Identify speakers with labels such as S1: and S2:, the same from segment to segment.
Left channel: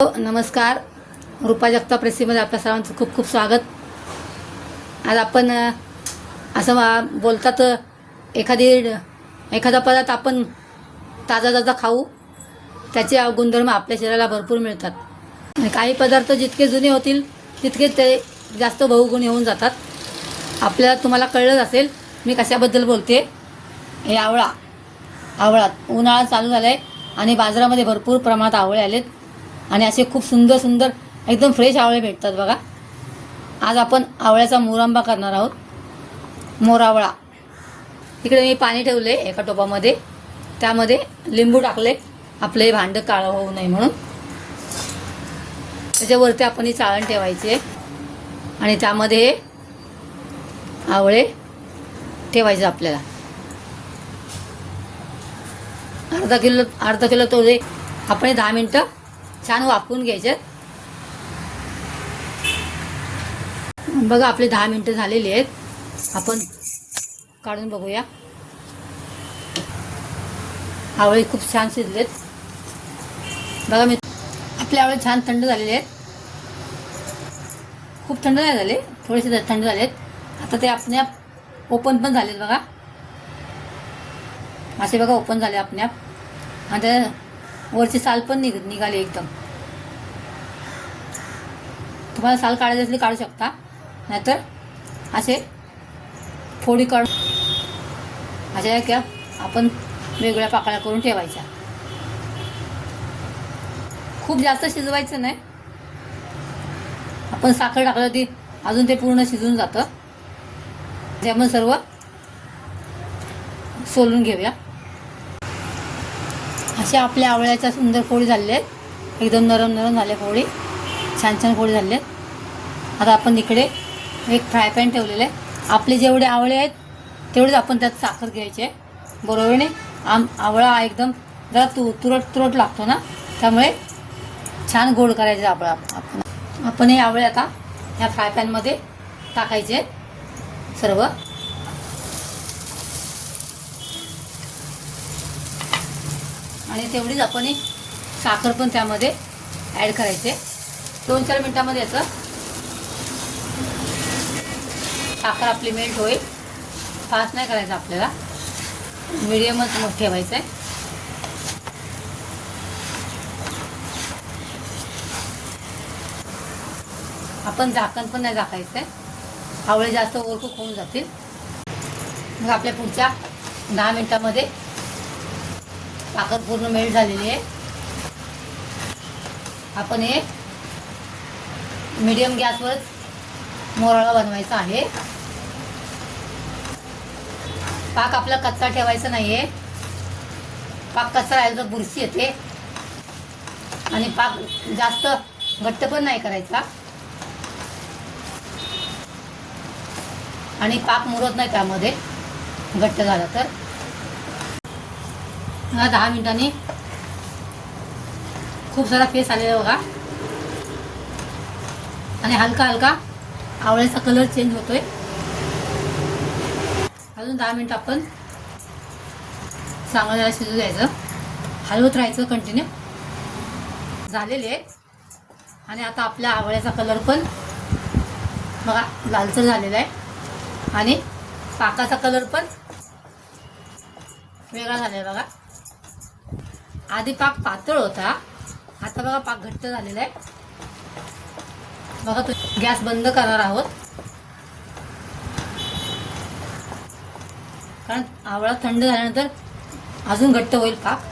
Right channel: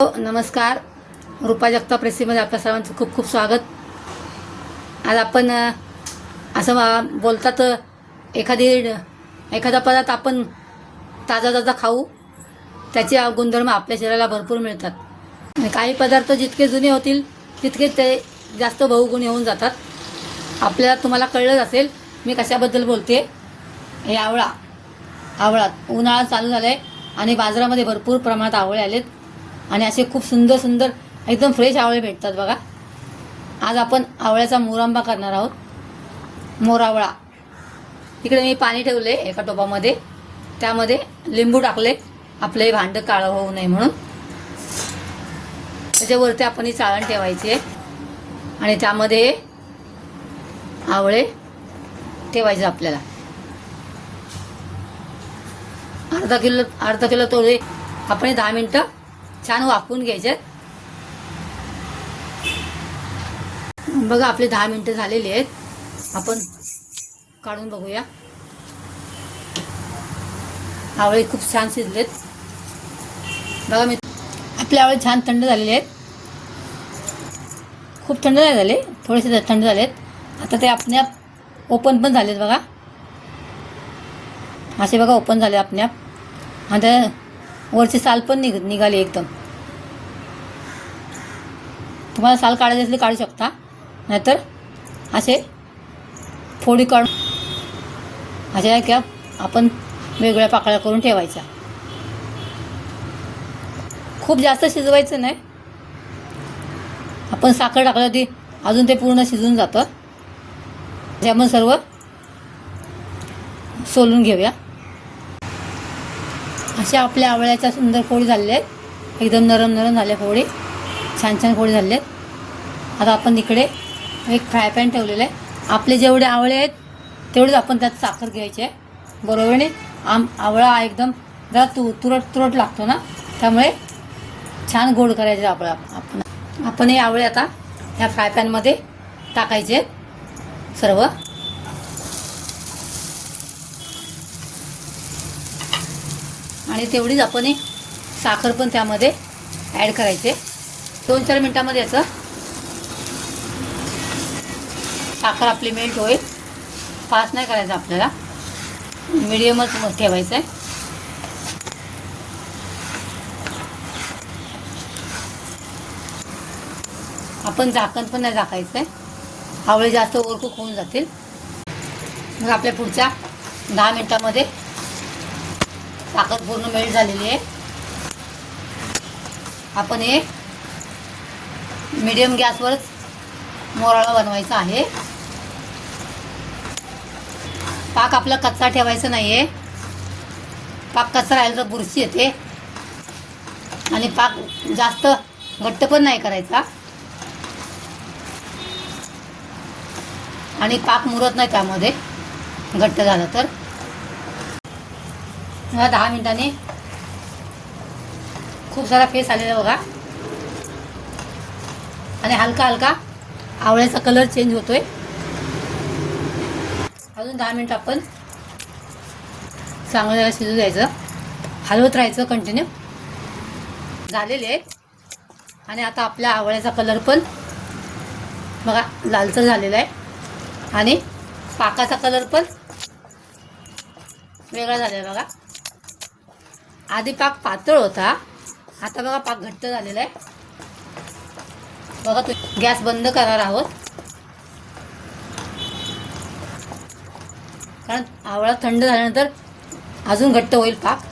S1: हो, नमस्कार. रुपा जगताप रेसिपीमध्ये आपल्या सर्वांचं खूप खूप स्वागत. आज आपण असं बोलतात एखादी एखादा पदार्थ आपण ताजा ताजा खाऊ त्याचे गुणधर्म आपल्या शरीराला भरपूर मिळतात. आणि काही पदार्थ जितके जुने होतील तितके ते जास्त बहुगुणी होऊन जातात. आपल्याला तुम्हाला कळलंच असेल मी कशाबद्दल बोलते? हे आवळा. आवळा. उन्हाळा चालू झाला आहे आणि बाजारामध्ये भरपूर प्रमाणात आवळे आलेत. आणि असे खूप सुंदर सुंदर एकदम फ्रेश आवळे भेटतात बघा. आज आपण आवळ्याचा मोरांबा करणार आहोत. मोरावळा. तिकडे मी पाणी ठेवले एका टोपामध्ये. त्यामध्ये लिंबू टाकले आपले हे भांडं काळं होऊ नये म्हणून. त्याच्यावरती आपण ही चाळण ठेवायची आहे. आणि त्यामध्ये आवळे ठेवायचे आपल्याला. अर्धा किलो अर्धा किलो तोडे. आपण दहा मिनटं छान वाफवून घ्यायचे. बघा आपले दहा मिनटं झालेली आहेत. आपण काढून बघूया. आवळे खूप छान शिजलेत. बघा मी आपले आवळे छान थंड झालेले आहेत. खूप थंड नाही झाले थोडेसे थंड झालेत. आता ते आपण्याप ओपन पण झालेत बघा. असे बघा ओपन झाले आपण्याप आणि त्या वरची साल पण निघ निघाली एकदम. तुम्हाला साल काढायची असली काढू शकता. नाहीतर असे फोडी काढून अशा क्या आपण वेगळ्या पाकळ्या करून ठेवायच्या. खूप जास्त शिजवायचं नाही. आपण साखर टाकलं ती अजून ते पूर्ण शिजून जातं. त्यामुळे सर्व सोलून घेऊया. अशा आपल्या आवळ्याच्या सुंदर पोळी झालेल्या आहेत. एकदम नरम नरम झाल्या पोळी छान छान पोळी झाले आहेत. आता आपण इकडे एक फ्राय पॅन ठेवलेलं आहे. आपले जेवढे आवळे आहेत तेवढेच आपण त्यात साखर घ्यायची आहे. बरोबर आम आवळा एकदम जरा तु तुरट तुरट लागतो ना? त्यामुळे छान गोड करायचे आवळा आपण. आपण हे आवळे आता या फ्राय पॅनमध्ये टाकायचे सर्व. आणि तेवढीच आपण एक साखर पण त्यामध्ये ॲड करायचे. दोन चार मिनटामध्ये याचं साखर आपली मेल्ट होईल. फास्ट नाही करायचं आपल्याला. मिडियमच मग ठेवायचं आहे आपण झाकण पण नाही झाकायचं आहे आवळे जास्त ओरकूक होऊन जातील. मग आपल्या पुढच्या दहा मिनटामध्ये साखर पूर्ण मेल्ट झालेली आहे. आपण हे मीडियम गॅसवरच मोराळा बनवायचा आहे. पाक आपला कच्चा ठेवायचा नाही आहे पाक कच्चा राहिला तर बुरशी येते. आणि पाक जास्त घट्ट पण नाही करायचा. आणि पाक मुरत नाही त्यामध्ये. घट्ट झाला तर. दहा मिनिटांनी खूप सारा फेस आलेला बघा. आणि हलका हलका आवळ्याचा कलर चेंज होतोय. अजून दहा मिनिट आपण चांगलं त्याला शिजू द्यायचं. हलवत राहायचं कंटिन्यू झालेले आहे आणि आता आपल्या आवळ्याचा कलर पण बघा लालसर झालेला आहे. आणि पाकाचा कलर पण वेगळा झाला आहे बघा. आधी पाक पातळ होता. आता बघा पाक घट्ट झालेला आहे. बघा गॅस बंद करणार आहोत. कारण आवळा थंड झाल्यानंतर अजून घट्ट होईल पाक.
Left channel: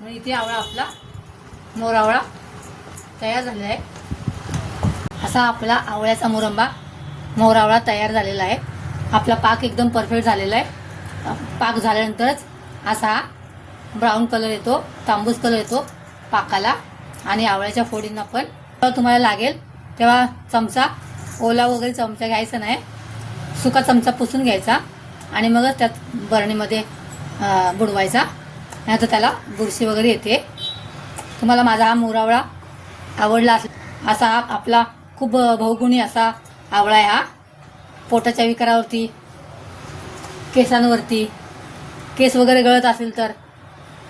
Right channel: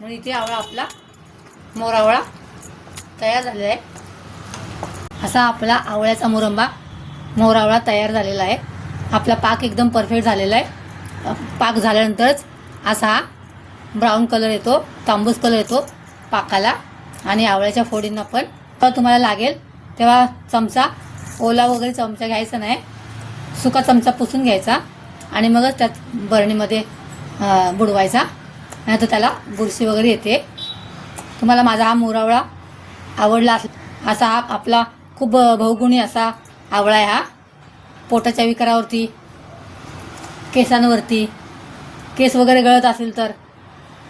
S1: म्हणून इथे आवळा आपला मोरावळा तयार झालेला आहे. असा आपला आवळ्याचा मुरंबा मोरावळा तयार झालेला आहे. आपला पाक एकदम परफेक्ट झालेला आहे. पाक झाल्यानंतरच असा ब्राऊन कलर येतो तांबूस कलर येतो पाकाला आणि आवळ्याच्या फोडींना पण. तेव्हा तुम्हाला लागेल तेव्हा चमचा ओला वगैरे चमचा घ्यायचा नाही. सुका चमचा पुसून घ्यायचा आणि मगच त्यात बरणीमध्ये बुडवायचा. नाही तर त्याला बुरशी वगैरे येते. तुम्हाला माझा हा मोरावळा आवडला असा हा आपला खूप बहुगुणी असा आवळा आहे हा. पोटाच्या विकारावरती केसांवरती केस वगैरे गळत असेल तर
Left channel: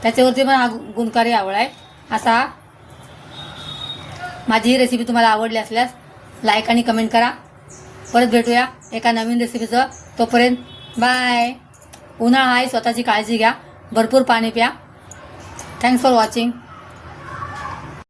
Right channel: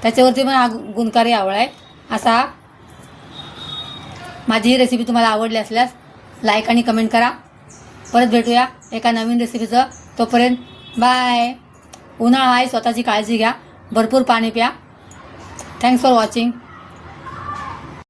S1: त्याच्यावरती पण हा गु- गुणकारी आवड आहे. असा माझी ही रेसिपी तुम्हाला आवडली असल्यास लाईक आणि कमेंट करा. परत भेटूया एका नवीन रेसिपीचं तोपर्यंत बाय उन्हाळा आहे स्वतःची काळजी घ्या. भरपूर पाणी प्या. Thanks for watching